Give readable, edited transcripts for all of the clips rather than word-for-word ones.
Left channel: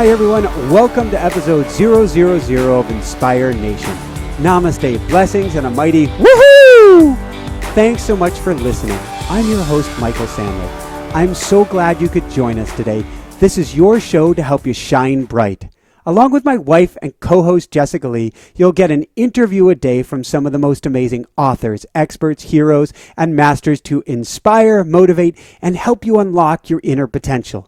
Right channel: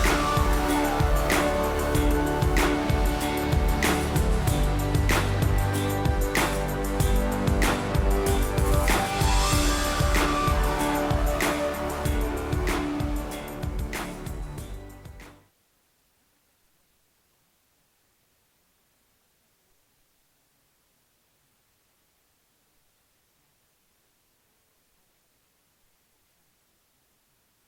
Hi everyone, welcome to episode 000 of Inspire Nation. Namaste, blessings, and a mighty woohoo! Thanks so much for listening. I'm your host, Michael Sandler. I'm so glad you could join us today. This is your show to help you shine bright. Along with my wife and co-host Jessica Lee, you'll get an interview a day from some of the most amazing authors, experts, heroes, and masters to inspire, motivate, and help you unlock your inner potential.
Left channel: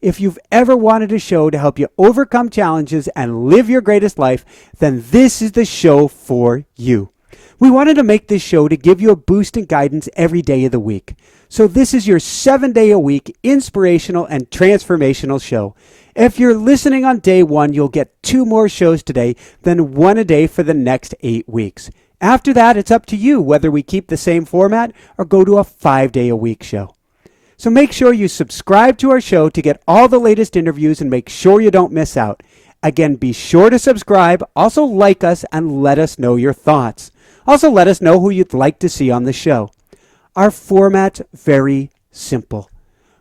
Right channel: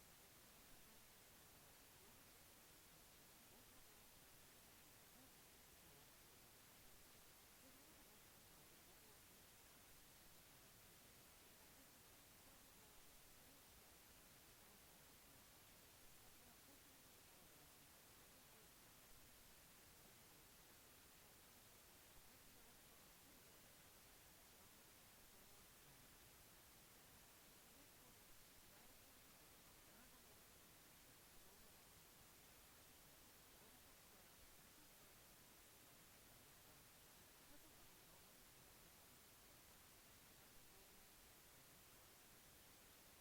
If you've ever wanted a show to help you overcome challenges and live your greatest life, then this is the show for you. We wanted to make this show to give you a boost and guidance every day of the week. So this is your 7-day-a-week inspirational and transformational show. If you're listening on day 1, you'll get 2 more shows today, then 1 a day for the next 8 weeks. After that, it's up to you whether we keep the same format or go to a 5-day-a-week show. So make sure you subscribe to our show to get all the latest interviews and make sure you don't miss out. Again, be sure to subscribe, also like us, and let us know your thoughts. Also let us know who you'd like to see on the show. Our format's very simple.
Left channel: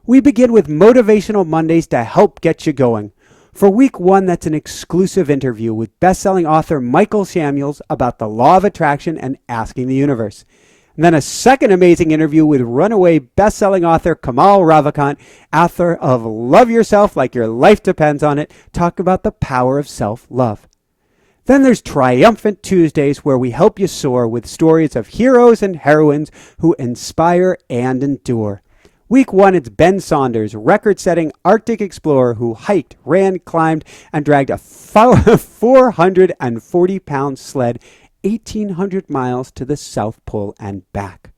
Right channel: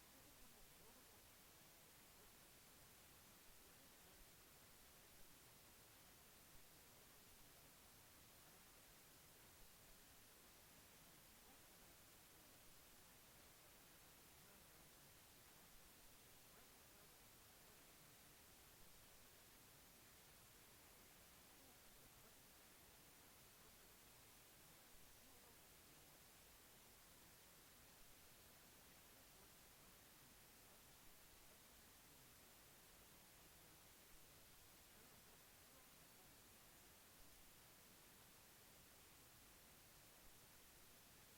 We begin with Motivational Mondays to help get you going. For week 1, that's an exclusive interview with best-selling author Michael Sandler about the law of attraction and asking the universe. And then a second amazing interview with runaway best-selling author Kamal Ravikant, author of Love Yourself Like Your Life Depends on It, talk about the power of self-love. Then there's Triumphant Tuesdays, where we help you soar with stories of heroes and heroines who inspire and endure. Week 1, it's Ben Saunders, record-setting Arctic explorer who hiked, ran, climbed, and dragged a 440-pound sled 1,800 miles to the South Pole and back.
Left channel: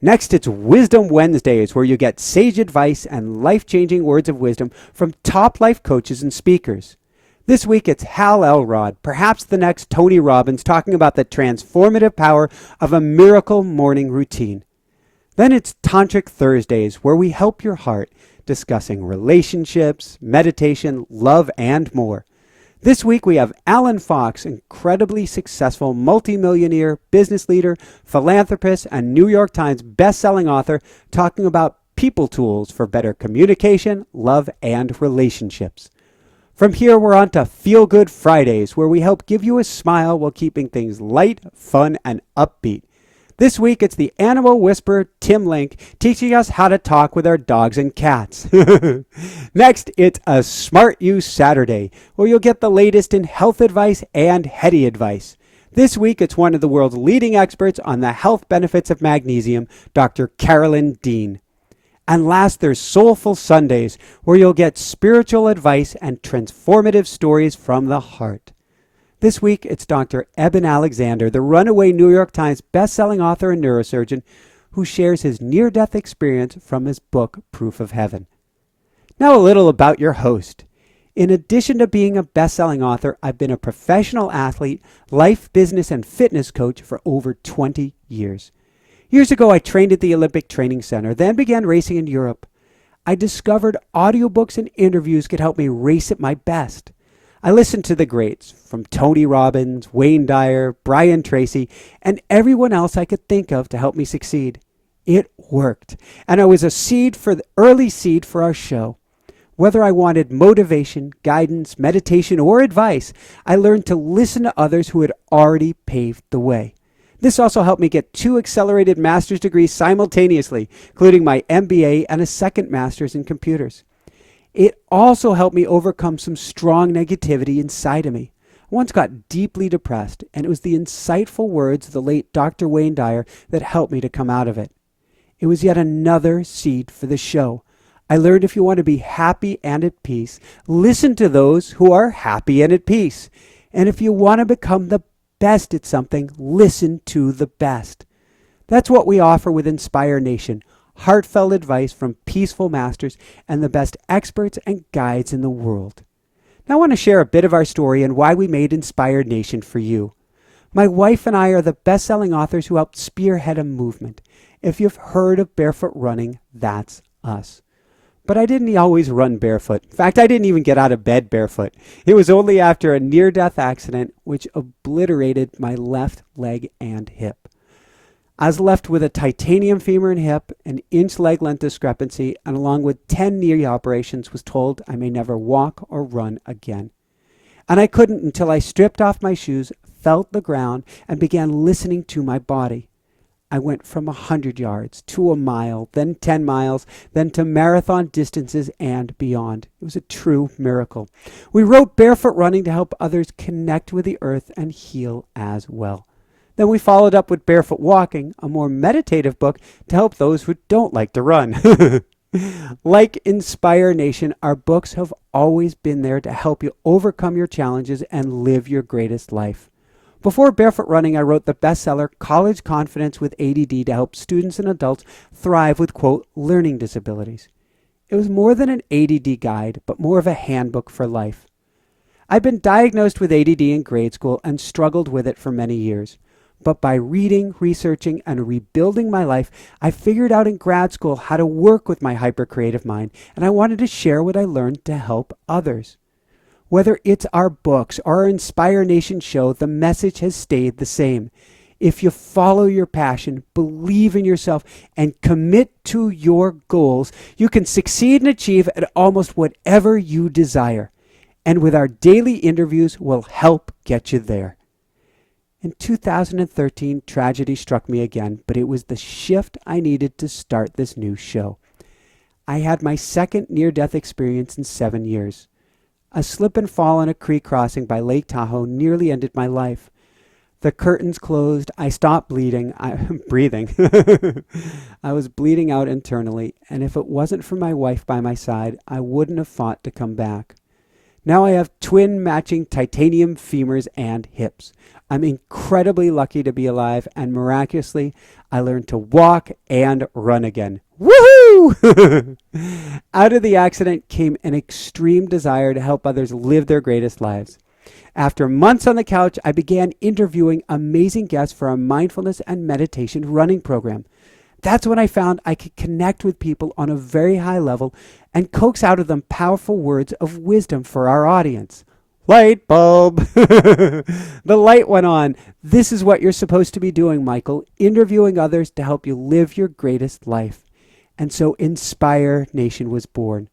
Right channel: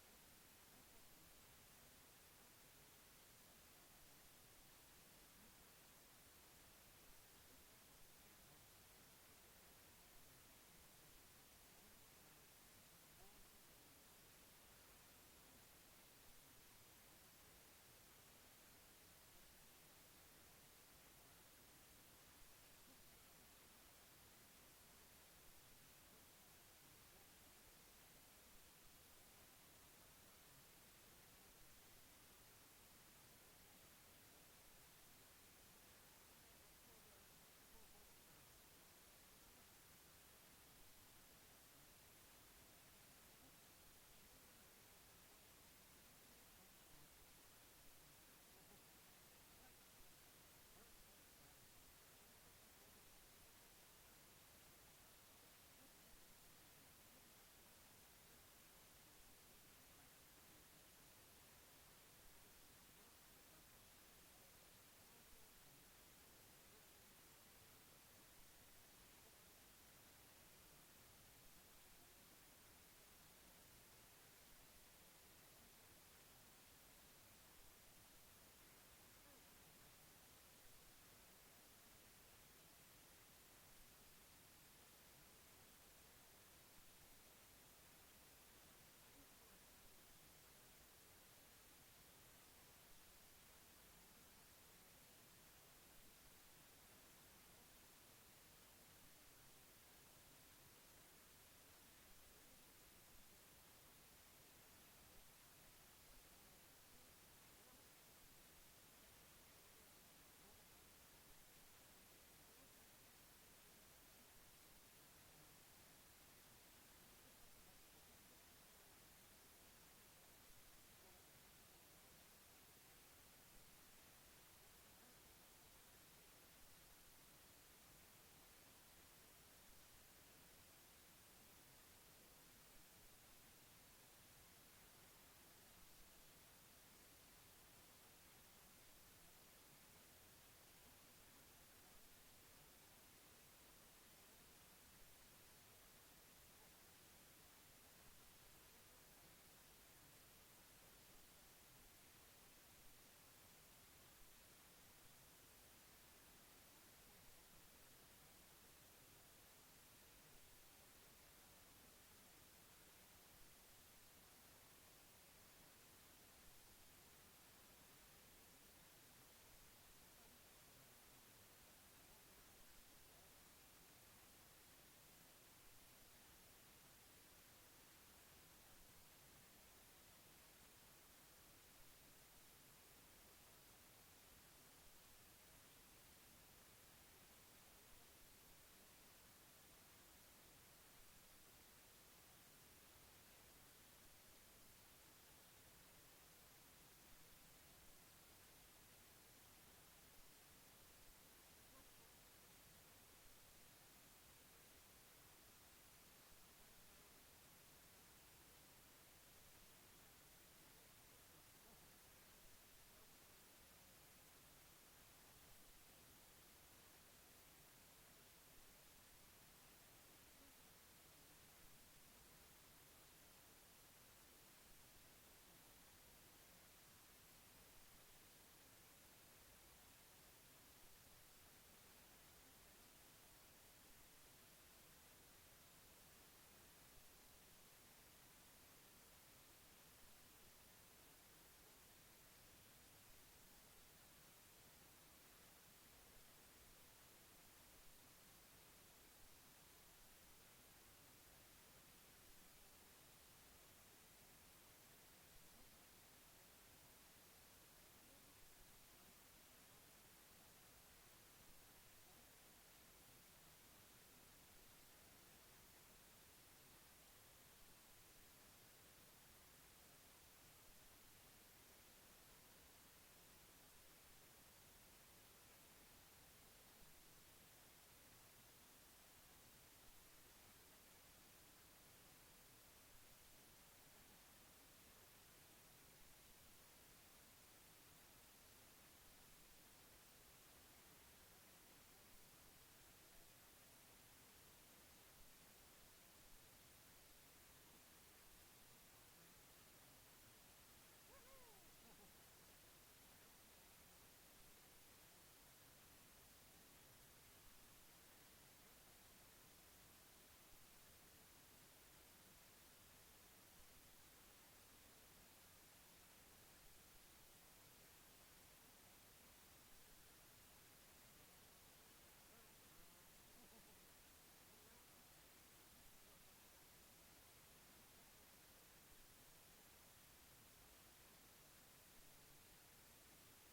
Next, it's Wisdom Wednesdays, where you get sage advice and life-changing words of wisdom from top life coaches and speakers. This week, it's Hal Elrod, perhaps the next Tony Robbins, talking about the transformative power of a miracle morning routine. Then it's Tantric Thursdays, where we help your heart, discussing relationships, meditation, love, and more. This week we have Alan Fox, incredibly successful multimillionaire, business leader, philanthropist, and New York Times best-selling author, talking about people tools for better communication, love, and relationships. From here we're on to Feel Good Fridays, where we help give you a smile while keeping things light, fun, and upbeat. This week, it's the animal whisperer, Tim Link, teaching us how to talk with our dogs and cats. Next, it's a Smart You Saturday, where you'll get the latest in health advice and heady advice. This week, it's one of the world's leading experts on the health benefits of magnesium, Dr. Carolyn Dean. And last, there's Soulful Sundays, where you'll get spiritual advice and transformative stories from the heart. This week, it's Dr. Eben Alexander, the runaway New York Times best-selling author and neurosurgeon, who shares his near-death experience from his book, Proof of Heaven. Now a little about your host. In addition to being a best-selling author, I've been a professional athlete, life, business, and fitness coach for over 20 years. Years ago, I trained at the Olympic Training Center, then began racing in Europe. I discovered audiobooks and interviews could help me race at my best. I listened to the greats, from Tony Robbins, Wayne Dyer, Brian Tracy, and everyone else I could think of to help me succeed. It worked, and I was the early seed for our show. Whether I wanted motivation, guidance, meditation, or advice, I learned to listen to others who had already paved the way. This also helped me get 2 accelerated master's degrees simultaneously, including my MBA and a second master's in computers. It also helped me overcome some strong negativity inside of me. I once got deeply depressed, and it was the insightful words of the late Dr. Wayne Dyer that helped me to come out of it. It was yet another seed for the show. I learned if you want to be happy and at peace, listen to those who are happy and at peace. And if you want to become the best at something, listen to the best. That's what we offer with Inspire Nation. Heartfelt advice from peaceful masters and the best experts and guides in the world. Now I want to share a bit of our story and why we made Inspired Nation for you. My wife and I are the best-selling authors who helped spearhead a movement. If you've heard of barefoot running, that's us. But I didn't always run barefoot. In fact, I didn't even get out of bed barefoot. It was only after a near-death accident which obliterated my left leg and hip. I was left with a titanium femur and hip, an inch leg length discrepancy, and along with 10 knee operations was told I may never walk or run again. And I couldn't until I stripped off my shoes, felt the ground, and began listening to my body. I went from 100 yards to a mile, then 10 miles, then to marathon distances and beyond. It was a true miracle. We wrote Barefoot Running to help others connect with the earth and heal as well. Then we followed up with Barefoot Walking, a more meditative book to help those who don't like to run. Like Inspire Nation, our books have always been there to help you overcome your challenges and live your greatest life. Before Barefoot Running, I wrote the bestseller College Confidence with ADD to help students and adults thrive with, quote, learning disabilities. It was more than an ADD guide, but more of a handbook for life. I'd been diagnosed with ADD in grade school and struggled with it for many years. But by reading, researching, and rebuilding my life, I figured out in grad school how to work with my hypercreative mind, and I wanted to share what I learned to help others. Whether it's our books or our Inspire Nation show, the message has stayed the same. If you follow your passion, believe in yourself, and commit to your goals, you can succeed and achieve at almost whatever you desire. And with our daily interviews, we'll help get you there. In 2013, tragedy struck me again, but it was the shift I needed to start this new show. I had my second near-death experience in 7 years. A slip and fall on a creek crossing by Lake Tahoe nearly ended my life. The curtains closed. I stopped breathing. I was bleeding out internally, and if it wasn't for my wife by my side, I wouldn't have fought to come back. Now I have twin matching titanium femurs and hips. I'm incredibly lucky to be alive, and miraculously, I learned to walk and run again. Woohoo! Out of the accident came an extreme desire to help others live their greatest lives. After months on the couch, I began interviewing amazing guests for a mindfulness and meditation running program. That's when I found I could connect with people on a very high level and coax out of them powerful words of wisdom for our audience. Light bulb. The light went on. This is what you're supposed to be doing, Michael, interviewing others to help you live your greatest life. And so Inspire Nation was born.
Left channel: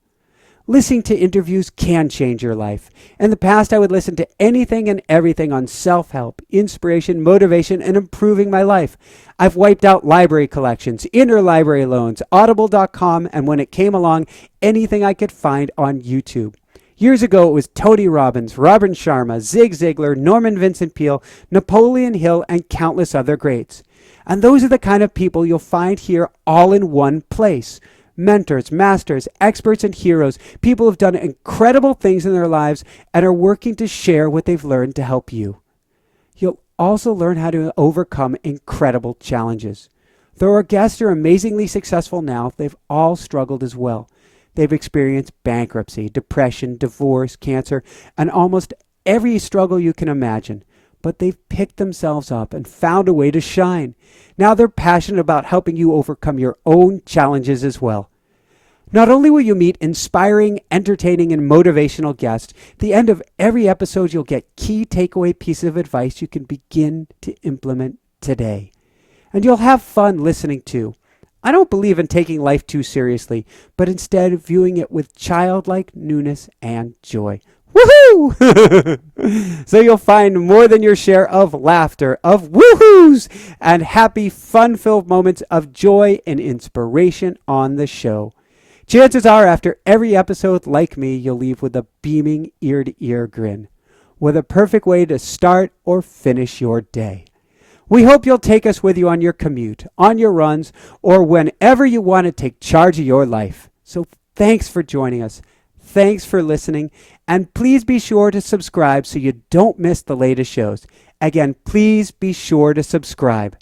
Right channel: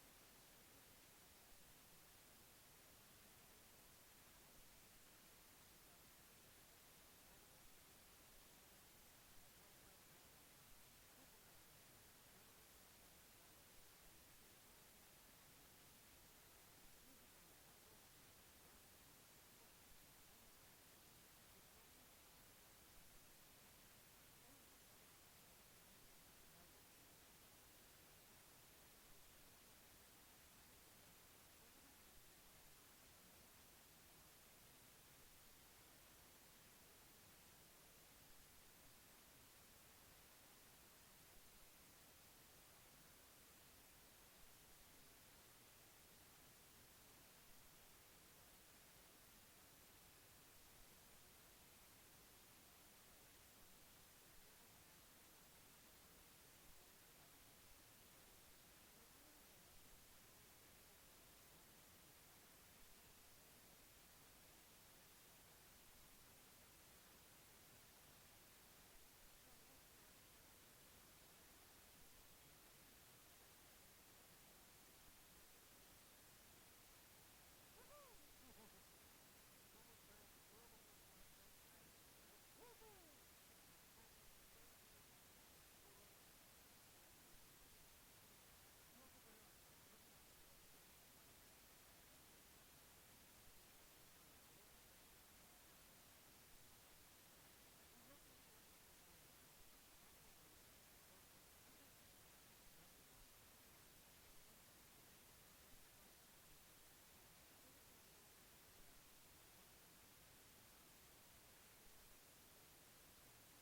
Listening to interviews can change your life. In the past, I would listen to anything and everything on self-help, inspiration, motivation, and improving my life. I've wiped out library collections, interlibrary loans, audible.com, and when it came along, anything I could find on YouTube. Years ago, it was Tony Robbins, Robin Sharma, Zig Ziglar, Norman Vincent Peale, Napoleon Hill, and countless other greats. And those are the kind of people you'll find here all in one place. Mentors, masters, experts, and heroes, people who've done incredible things in their lives and are working to share what they've learned to help you. You'll also learn how to overcome incredible challenges. Though our guests are amazingly successful now, they've all struggled as well. They've experienced bankruptcy, depression, divorce, cancer, and almost every struggle you can imagine. But they've picked themselves up and found a way to shine. Now they're passionate about helping you overcome your own challenges as well. Not only will you meet inspiring, entertaining, and motivational guests, at the end of every episode you'll get key takeaway pieces of advice you can begin to implement today. And you'll have fun listening too. I don't believe in taking life too seriously, but instead viewing it with childlike newness and joy. Woohoo! So you'll find more than your share of laughter, of woohoos, and happy, fun-filled moments of joy and inspiration on the show. Chances are, after every episode, like me, you'll leave with a beaming ear-to-ear grin, with a perfect way to start or finish your day. We hope you'll take us with you on your commute, on your runs, or whenever you want to take charge of your life. So thanks for joining us. Thanks for listening. And please be sure to subscribe so you don't miss the latest shows. Again, please be sure to subscribe.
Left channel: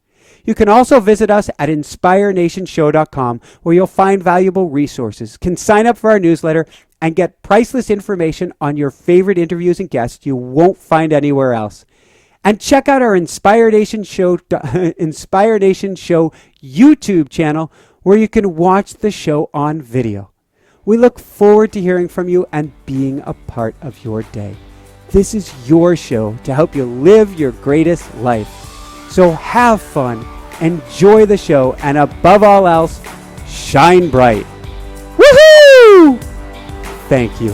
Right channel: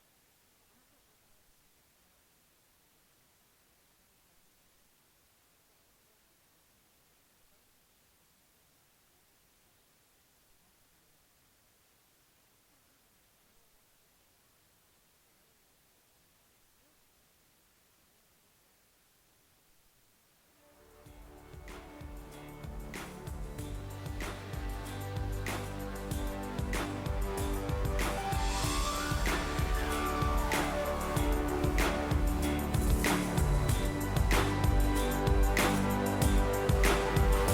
You can also visit us at inspirenationshow.com, where you'll find valuable resources, can sign up for our newsletter, and get priceless information on your favorite interviews and guests you won't find anywhere else. And check out our Inspire Nation Show YouTube channel, where you can watch the show on video. We look forward to hearing from you and being a part of your day. This is your show to help you live your greatest life. So have fun, enjoy the show, and above all else, shine bright. Woohoo! Thank you.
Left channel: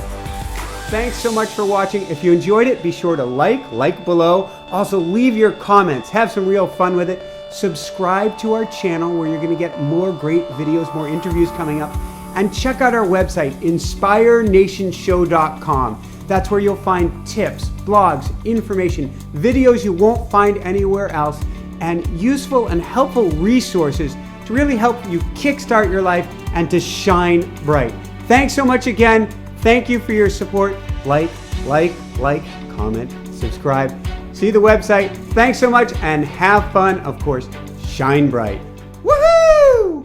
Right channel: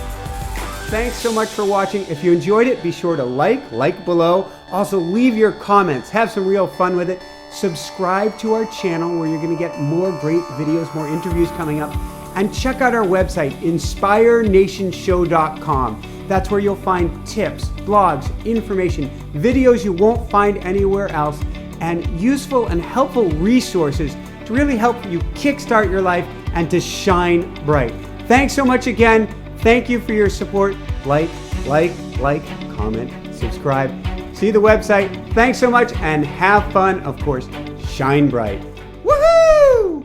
Thanks so much for watching. If you enjoyed it, be sure to like below. Also, leave your comments. Have some real fun with it. Subscribe to our channel where you're going to get more great videos, more interviews coming up. And check out our website, inspirenationshow.com. That's where you'll find tips, blogs, information, videos you won't find anywhere else, and useful and helpful resources to really help you kickstart your life and to shine bright. Thanks so much again. Thank you for your support. Like, comment, subscribe. See the website. Thanks so much and have fun. Of course, shine bright. Woohoo!